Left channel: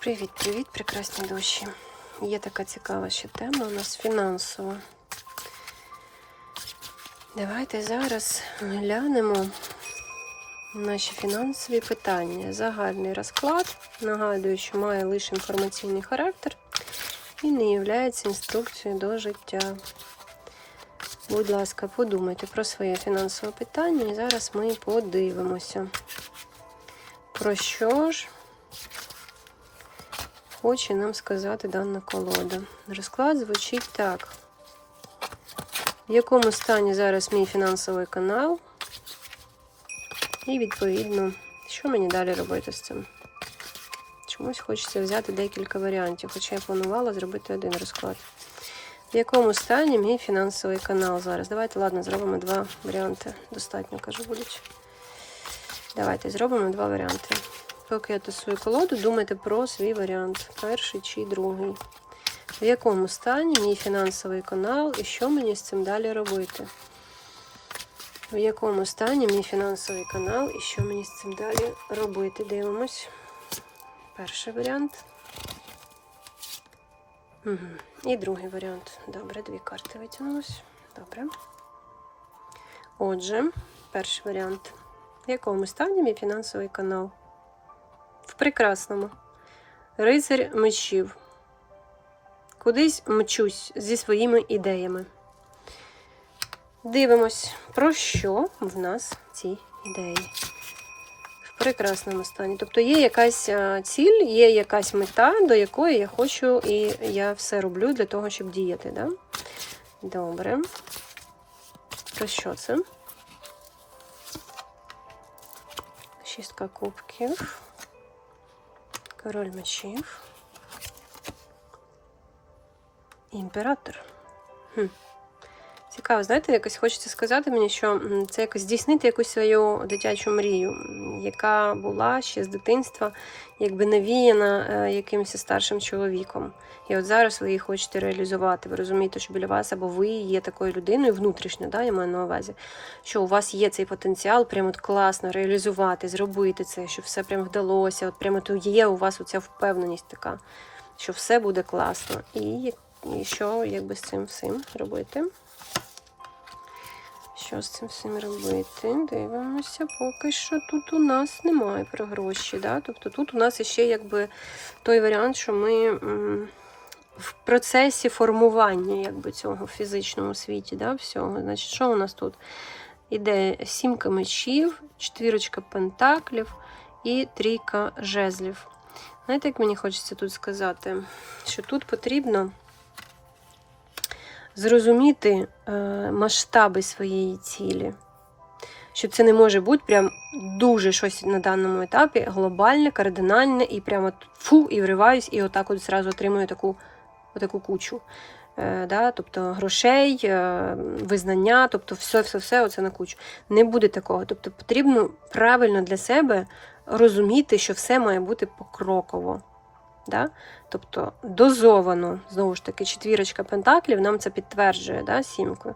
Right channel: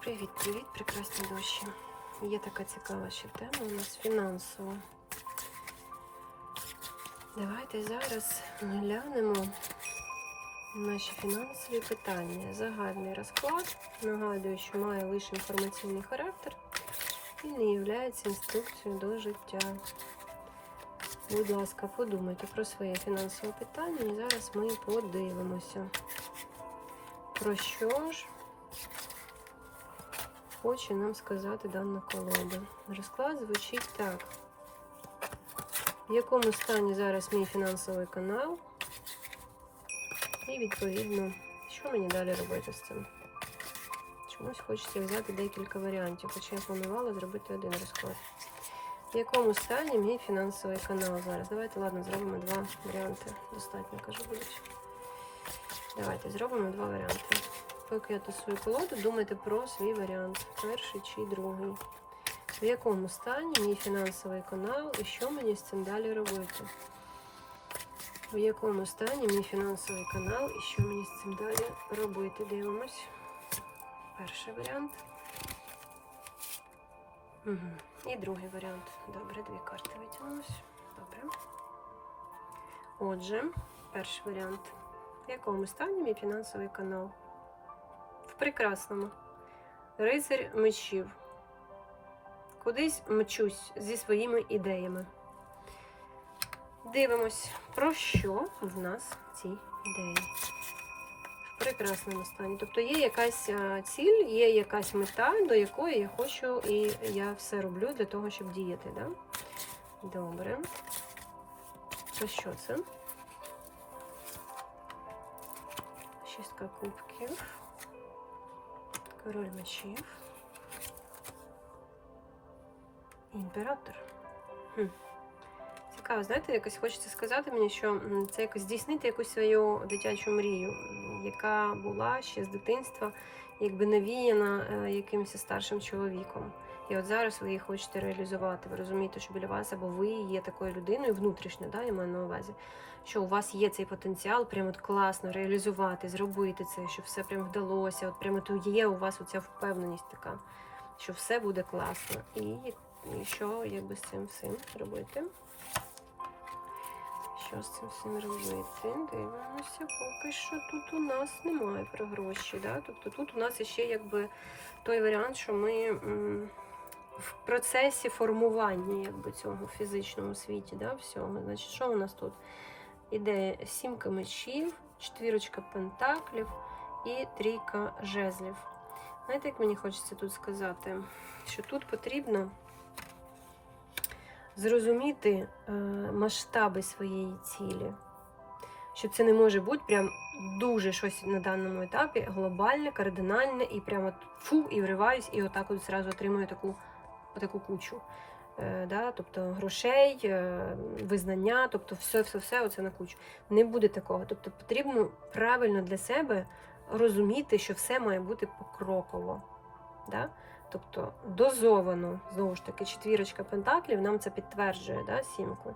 Привіт-привіт, прекрасні душі. Є така цікава ще тема у нас фінансова. Давайте зараз глянемо наші фінансові питання. Загальний розклад. Нагадую, що має лише інформаційний характер і не є інструкцією до життя. Будь ласка, подумайте про своє фінансове питання, і зараз ми подивимося. Про що ж хоче нам сказати дана колода. Розклад звучить так. В якому стані зараз мій фінансовий канал? І, відповідно, що мені далі робити з цим? Чомусь хочеться взяти декілька варіантів, хоча я планувала зробити один розклад. В якому стані мій фінансовий канал зараз? Давайте, ладно, зробимо два варіанти. Достатньо, кажу, будуть. Давайте зробимо два варіанти. Я тасую колоду, думайте про свій варіант. Перший чи другий. В якому стані мій фінансовий канал і що мені з цим далі робити? В якому стані мій фінансовий канал і що мені з цим далі робити? Дивимось. Перший варіант. Угу. І другий варіант. Добре, дві карти витягнулось. Добре. Отже, перший варіант. В якому стані мій фінансовий канал? Прекрасному. Рицарь мечів. Кудись мчусь зі своїми ідеями. Дивимось, про що в нас ці ідеї. В прекрасному стані. Тобто є якась ціль, є якась мета, до якої я хочу, і я все роблю для того, щоб діяти. Да? Добре. Про що це? Шістка кубків. Король мечів. Імператор. Хм. Цікаво, знаєте, якось хочеться сказати мені, що це якось здійснити якусь свою дитячу мрію, яка була ще з дитинства, якби навіяна е, якимось старшим чоловіком. І от зараз ви її хочете реалізувати. Ви розумієте, що біля вас або ви є такою людиною внутрішньо, да, я маю на увазі, що у вас є цей потенціал, прямо от класно реалізувати, зробити це, що все прям вдалося. От прямо то є у вас оця впевненість така, що все буде класно. І, і що якби з цим всім робити? Що з цим всім робити? Дивимося, поки що тут у нас немає про гроші. Да? Тобто тут у нас ще якби той варіант, що ми в процесі формування якби, цього в фізичному світі. Да? Всього. Значить, що у нас тут? Іде сімка мечів, четвірочка пентаклів і трійка жезлів. Знаєте, як мені хочеться тут сказати, що тут потрібно зрозуміти е, масштаби своєї цілі. Що це не може бути прям дуже щось на даному етапі глобальне, кардинальне, і прямо фу, і вриваюсь, і отак от зразу отримую таку, отаку кучу. Е, да? Тобто грошей, е, визнання, тобто все-все-все оце на кучу. Не буде такого. Тобто потрібно правильно для себе розуміти, що все має бути покроково. Да? Тобто дозовано, знову ж таки, четвірочка пентаклів нам це підтверджує да, сімкою.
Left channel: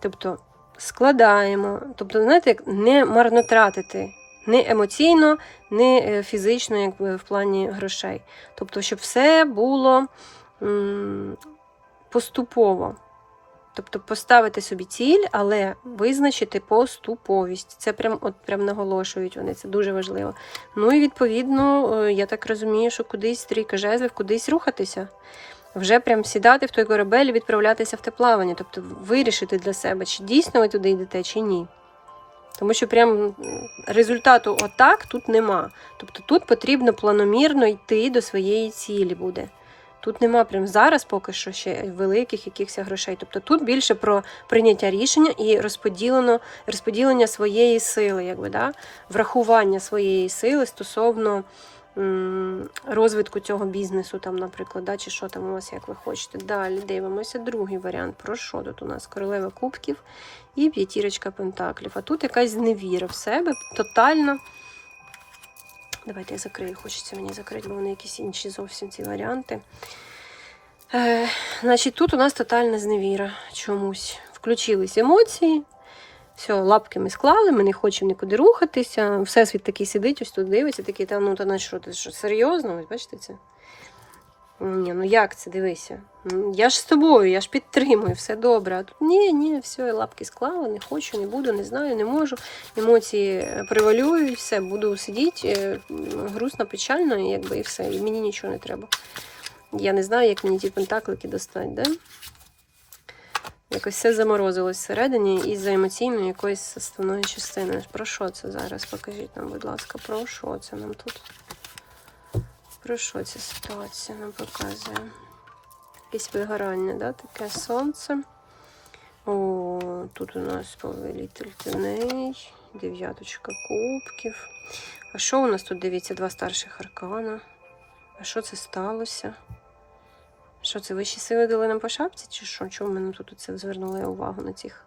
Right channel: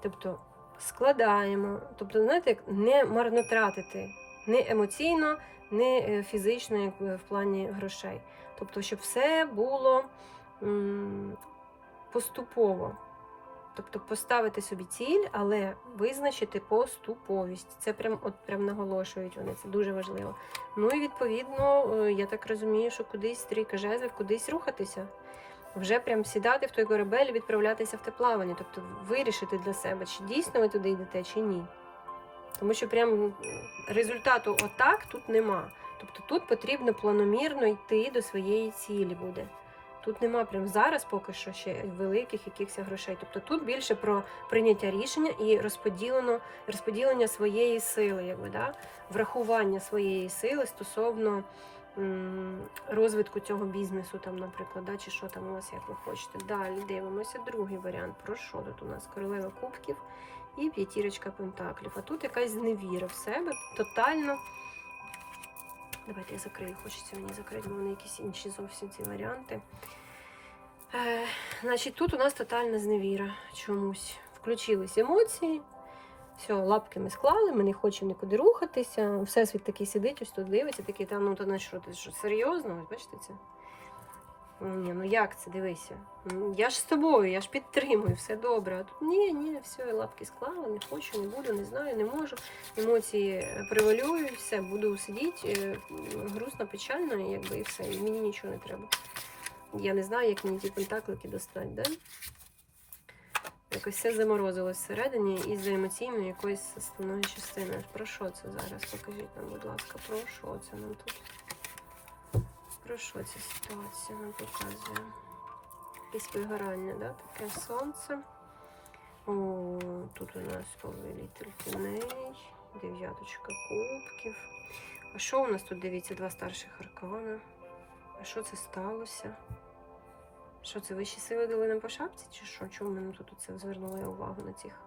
Тобто складаємо, тобто, знаєте, як не марнотратити не емоційно, не фізично, якби в плані грошей. Тобто, щоб все було поступово. Тобто поставити собі ціль, але визначити поступовість. Це прям от прям наголошують вони, це дуже важливо. Ну і відповідно, е, я так розумію, що кудись трійка жезлів, кудись рухатися. Вже прям сідати в той корабель і відправлятися в те плавання. Тобто вирішити для себе, чи дійсно ви туди йдете, чи ні. Тому що прям результату отак тут нема. Тобто тут потрібно планомірно йти до своєї цілі буде. Тут нема прям зараз поки що ще великих якихось грошей. Тобто тут більше про прийняття рішення і розподілено, розподілення своєї сили, якби, да? врахування своєї сили стосовно розвитку цього бізнесу, там, наприклад, да? чи що там у вас, як ви хочете. Далі дивимося другий варіант. Про що тут у нас? Королева кубків і п'ятірочка пентаклів. А тут якась зневіра в себе, тотальна. Давайте я закрию, хочеться мені закрити, бо вони якісь інші зовсім ці варіанти. Е, значить, тут у нас тотальна зневіра чомусь. Включились емоції, Все, лапки ми склали, ми не хочемо нікуди рухатися. Всесвіт такий сидить, ось тут дивиться, такий, та ну та на що ти що, серйозно? Ось бачите це? Ні, ну як це дивися? Я ж з тобою, я ж підтримую, все добре. А тут ні, ні, все, я лапки склала, не хочу, не буду, не знаю, не можу. Емоції е, превалюють, все, буду сидіти, е, грустно, печально, і якби і все. І мені нічого не треба. Я не знаю, як мені ті пентаклики достати, да? Якось все заморозилось всередині із-за емоційної якоїсь составної частини. Про що це зараз? Покажіть нам, будь ласка, про що це нам тут? Про що ця ситуація нам показує? Якесь вигорання, да? таке сонце. О, тут у нас повелитель теней, дев'яточка кубків. А що у нас тут дивіться? Два старших аркана. А що це сталося? Що це вищі сили дали нам по шапці? Чи що? Чому ми нам тут це звернули увагу на цих?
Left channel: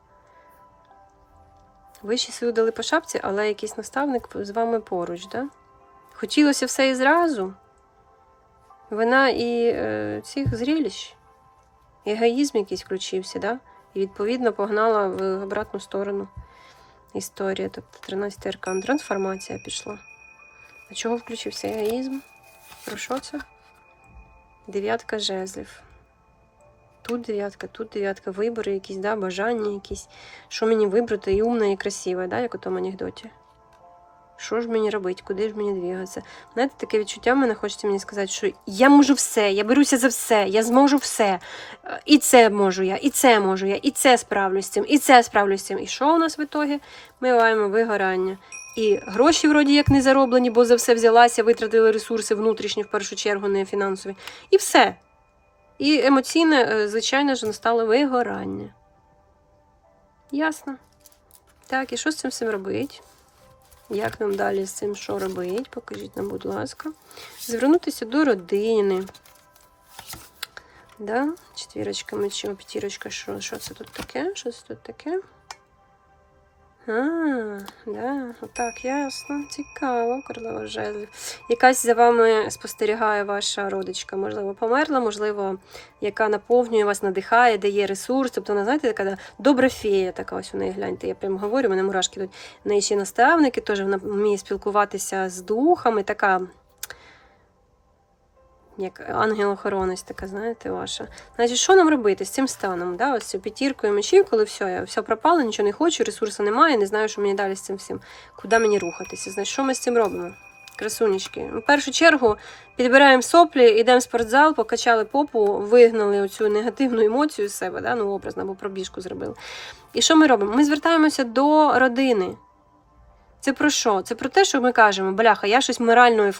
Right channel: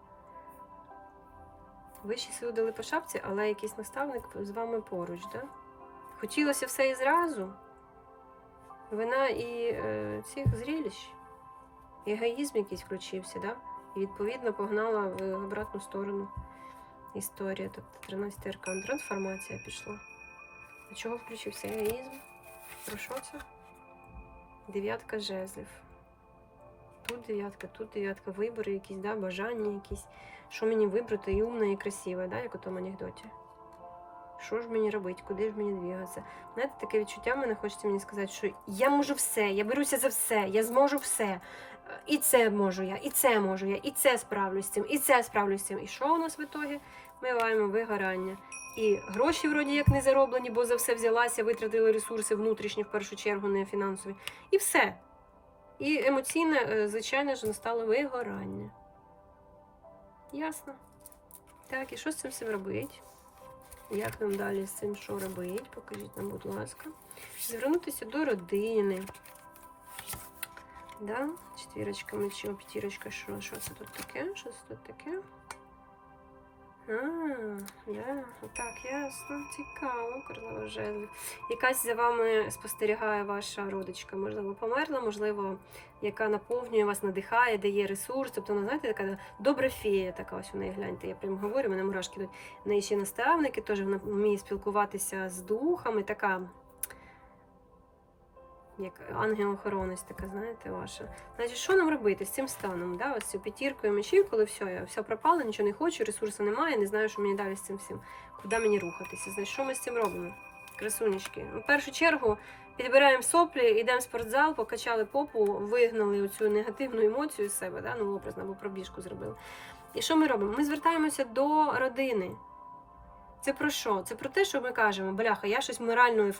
Вищі сили дали по шапці, але якийсь наставник з вами поруч, да? Хотілося все і зразу. Вона і е, цих зрілищ, егоїзм якийсь включився, да? і відповідно погнала в обратну сторону історія. Тобто 13 аркан. Трансформація пішла. А чого включився егоїзм? Про що це? Дев'ятка жезлів. Тут дев'ятка, тут дев'ятка, вибори якісь, да, бажання якісь. Що мені вибрати і умне, і красиве, да, як у тому анекдоті. Що ж мені робити, куди ж мені двігатися? Знаєте, таке відчуття в мене хочеться мені сказати, що я можу все, я беруся за все, я зможу все. Е, І це можу я, і це можу я, і це справлюсь цим, і це справлюсь цим. І що у нас в ітогі? Ми маємо вигорання. І гроші вроді як не зароблені, бо за все взялася, витратили ресурси внутрішні в першу чергу, не фінансові. І все. І емоційне, е, звичайно ж, настало вигорання. Ясно. Так, і що з цим всім робити? Як нам далі з цим що робити? Покажіть нам, будь ласка. Звернутися до родини. Да? Четвірочка мечів, п'ятірочка, що, що це тут таке? Що це тут таке? А, я, отак, ясно, цікаво, королева жезлів. Якась за вами спостерігає ваша родичка, можливо, померла, можливо, яка наповнює вас, надихає, дає ресурс. Тобто, вона, знаєте, така добра фея, така ось у неї, гляньте, я прямо говорю, мене мурашки йдуть. В неї ще наставники, теж вона вміє спілкуватися з духами, така. Як ангел-охоронець така, знаєте, ваша. Значить, що нам робити з цим станом? Да? Ось цю п'ятіркою мечів, коли все, я все пропало, нічого не хочу, ресурсу немає, не знаю, що мені далі з цим всім. Куди мені рухатися? Значить, що ми з цим робимо? Красунечки. В першу чергу підбираємо соплі, йдемо в спортзал, покачали попу, вигнали оцю негативну емоцію з себе, да? ну, образно, або пробіжку зробили. І що ми робимо? Ми звертаємося до родини. Це про що? Це про те, що ми кажемо, бляха, я щось морально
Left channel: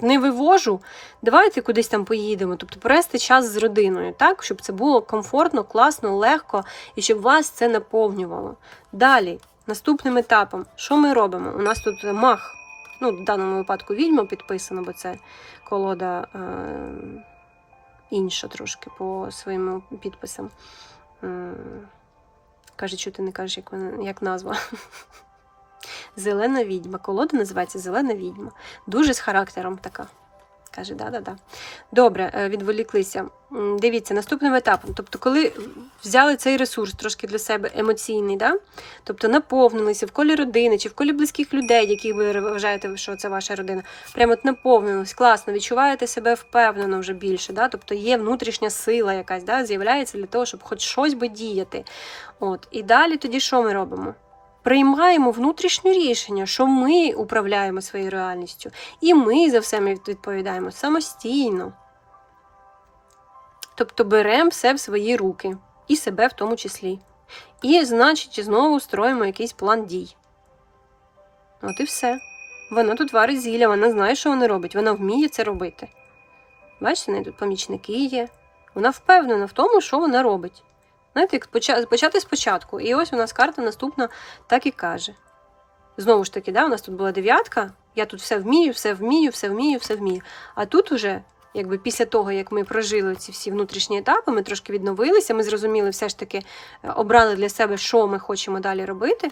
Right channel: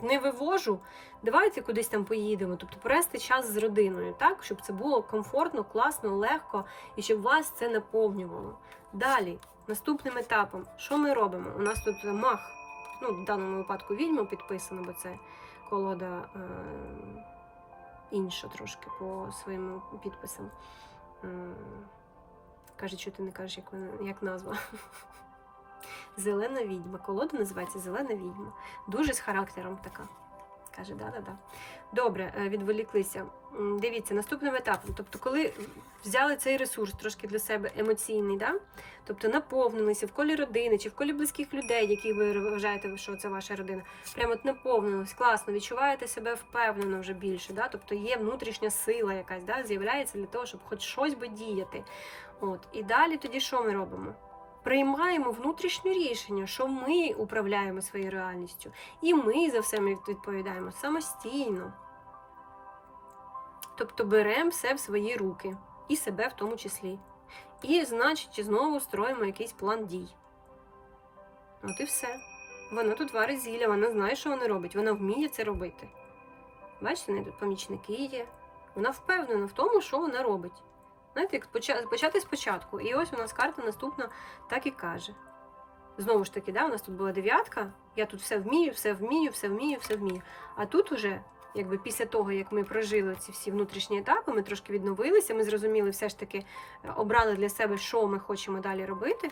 не вивожу, давайте кудись там поїдемо. Тобто провести час з родиною, так? щоб це було комфортно, класно, легко і щоб вас це наповнювало. Далі, наступним етапом, що ми робимо? У нас тут мах, ну, в даному випадку відьма підписано, бо це колода е- інша трошки по своїм підписам. Каже, що ти не кажеш, як, як назва. Зелена відьма. Колода називається Зелена відьма. Дуже з характером така. Каже, да-да-да. Добре, е, відволіклися. Дивіться, наступним етапом. Тобто, коли взяли цей ресурс трошки для себе емоційний, да? тобто наповнилися в колі родини чи в колі близьких людей, яких ви вважаєте, що це ваша родина, прямо от наповнились, класно, відчуваєте себе впевнено вже більше. Да? Тобто є внутрішня сила якась, да? з'являється для того, щоб хоч щось би діяти. От. І далі тоді що ми робимо? Приймаємо внутрішнє рішення, що ми управляємо своєю реальністю, і ми за все відповідаємо самостійно. Тобто беремо все в свої руки, і себе в тому числі. І, значить, знову строїмо якийсь план дій. От і все. Вона тут варить зілля, вона знає, що вона робить, вона вміє це робити. Бачите, в неї тут помічники є. Вона впевнена в тому, що вона робить. Знаєте, як почати спочатку. І ось у нас карта наступна так і каже. Знову ж таки, да, у нас тут була дев'ятка. Я тут все вмію, все вмію, все вмію, все вмію. А тут уже, якби після того, як ми прожили ці всі внутрішні етапи, ми трошки відновилися, ми зрозуміли, все ж таки е, обрали для себе, що ми хочемо далі робити.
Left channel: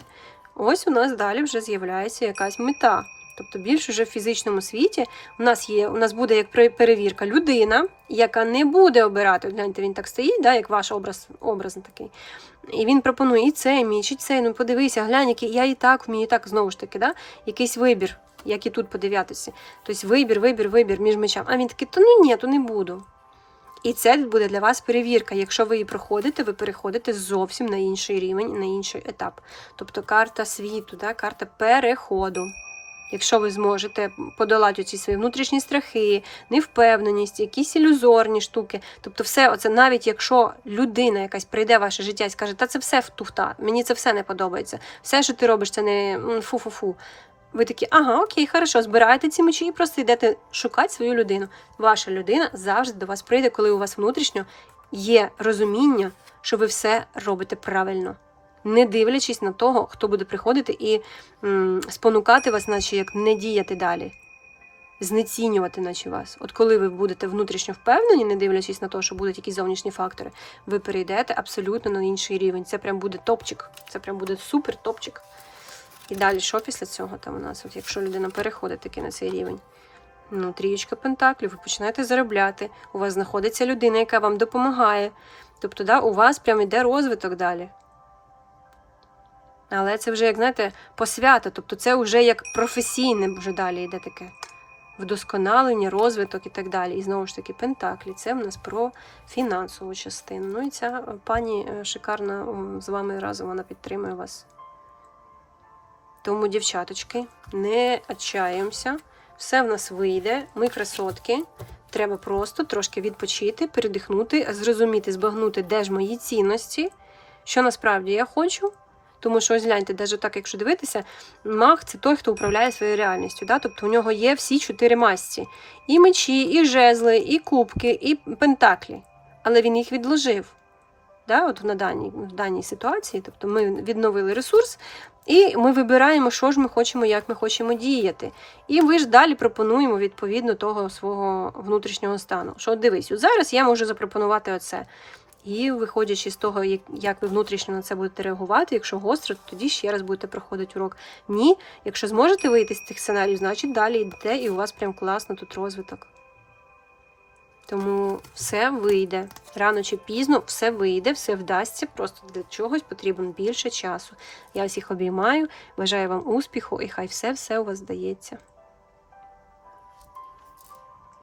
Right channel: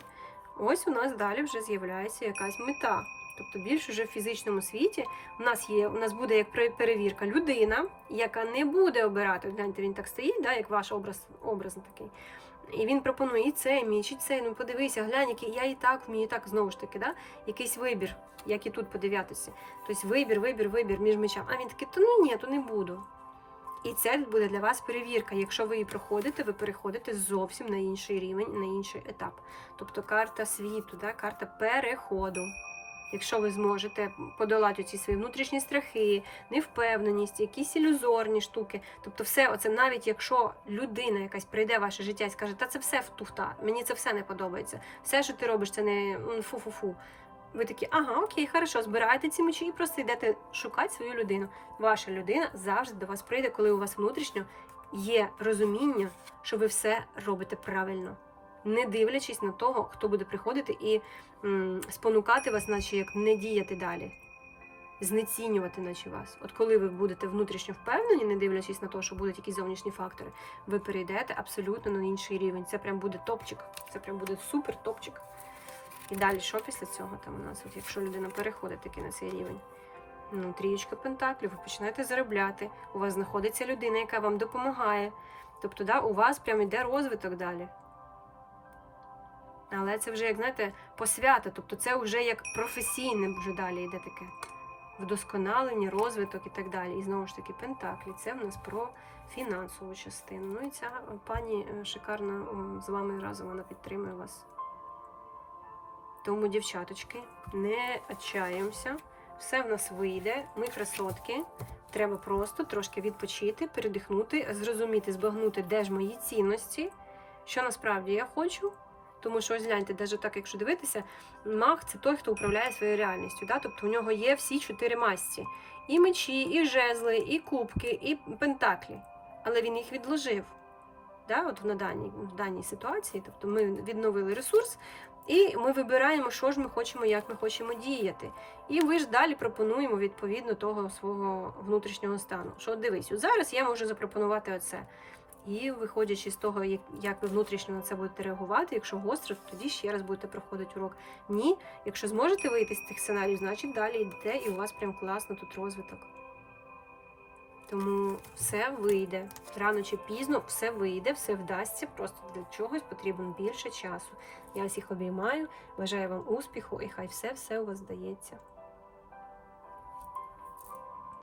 Ось у нас далі вже з'являється якась мета. Тобто більш уже в фізичному світі у нас є, у нас буде як перевірка людина, яка не буде обирати. Гляньте, він так стоїть, да, як ваш образ, образ такий. І він пропонує і цей міч, і цей. Ну подивися, глянь, який я і так вмію, і так знову ж таки, да? якийсь вибір, як і тут подивлятися. Тобто вибір, вибір, вибір між мечами. А він такий, то ну ні, то не буду. І це буде для вас перевірка. Якщо ви її проходите, ви переходите зовсім на інший рівень, на інший етап. Тобто карта світу, да? карта переходу. Якщо ви зможете подолати ці свої внутрішні страхи, невпевненість, якісь ілюзорні штуки. Тобто, все оце, навіть якщо людина якась прийде в ваше життя і скаже, та це все туфта, мені це все не подобається. Все, що ти робиш, це не фу-фу-фу. Ви такі, ага, окей, хорошо, збираєте ці мечі і просто йдете шукати свою людину. Ваша людина завжди до вас прийде, коли у вас внутрішньо є розуміння, що ви все робите правильно, не дивлячись на того, хто буде приходити і м, спонукати вас, наче як не діяти далі, знецінювати, наче вас. От коли ви будете внутрішньо впевнені, не дивлячись на те, що будуть якісь зовнішні фактори, ви перейдете абсолютно на інший рівень. Це прям буде топчик. Це прям буде супер топчик. І далі, що після цього там у нас, от якщо людина переходить таки на цей рівень? Ну, трієчка пентаклів, ви починаєте заробляти, у вас знаходиться людина, яка вам допомагає. Тобто, да, у вас прям іде розвиток далі. Але це вже, як знаєте, посвята, тобто це вже як професійне вже далі йде таке вдосконалення, розвиток і так далі. І знову ж таки, Пентаклі це в нас про фінансову частину. Ну і ця е, пані е, шикарна з вами разом вона підтримує вас. Тому, дівчаточки, не отчаємося, все в нас вийде, ми красотки. Треба просто трошки відпочити, передихнути, зрозуміти, збагнути, де ж мої цінності, що насправді я хочу. Тому що ось гляньте, навіть так, якщо дивитися, маг це той, хто управляє своєю реальністю. Да? Тобто у нього є всі чотири масті: і мечі, і жезли, і кубки, і пентаклі. Але він їх відложив. Да? От на даній, в даній ситуації. Тобто ми відновили ресурс, і ми вибираємо, що ж ми хочемо, як ми хочемо діяти. І ви ж далі пропонуємо відповідно того свого внутрішнього стану. Що дивись, зараз я можу запропонувати оце. І виходячи з того, як- ви внутрішньо на це будете реагувати, якщо гостро, то тоді ще раз будете проходити урок. Ні, якщо зможете вийти з цих сценаріїв, значить далі йдете, і у вас прям класно тут розвиток. Тому все вийде. Рано чи пізно все вийде, все вдасться. Просто для чогось потрібно більше часу. Я всіх обіймаю, бажаю вам успіху і хай все-все у вас вдається.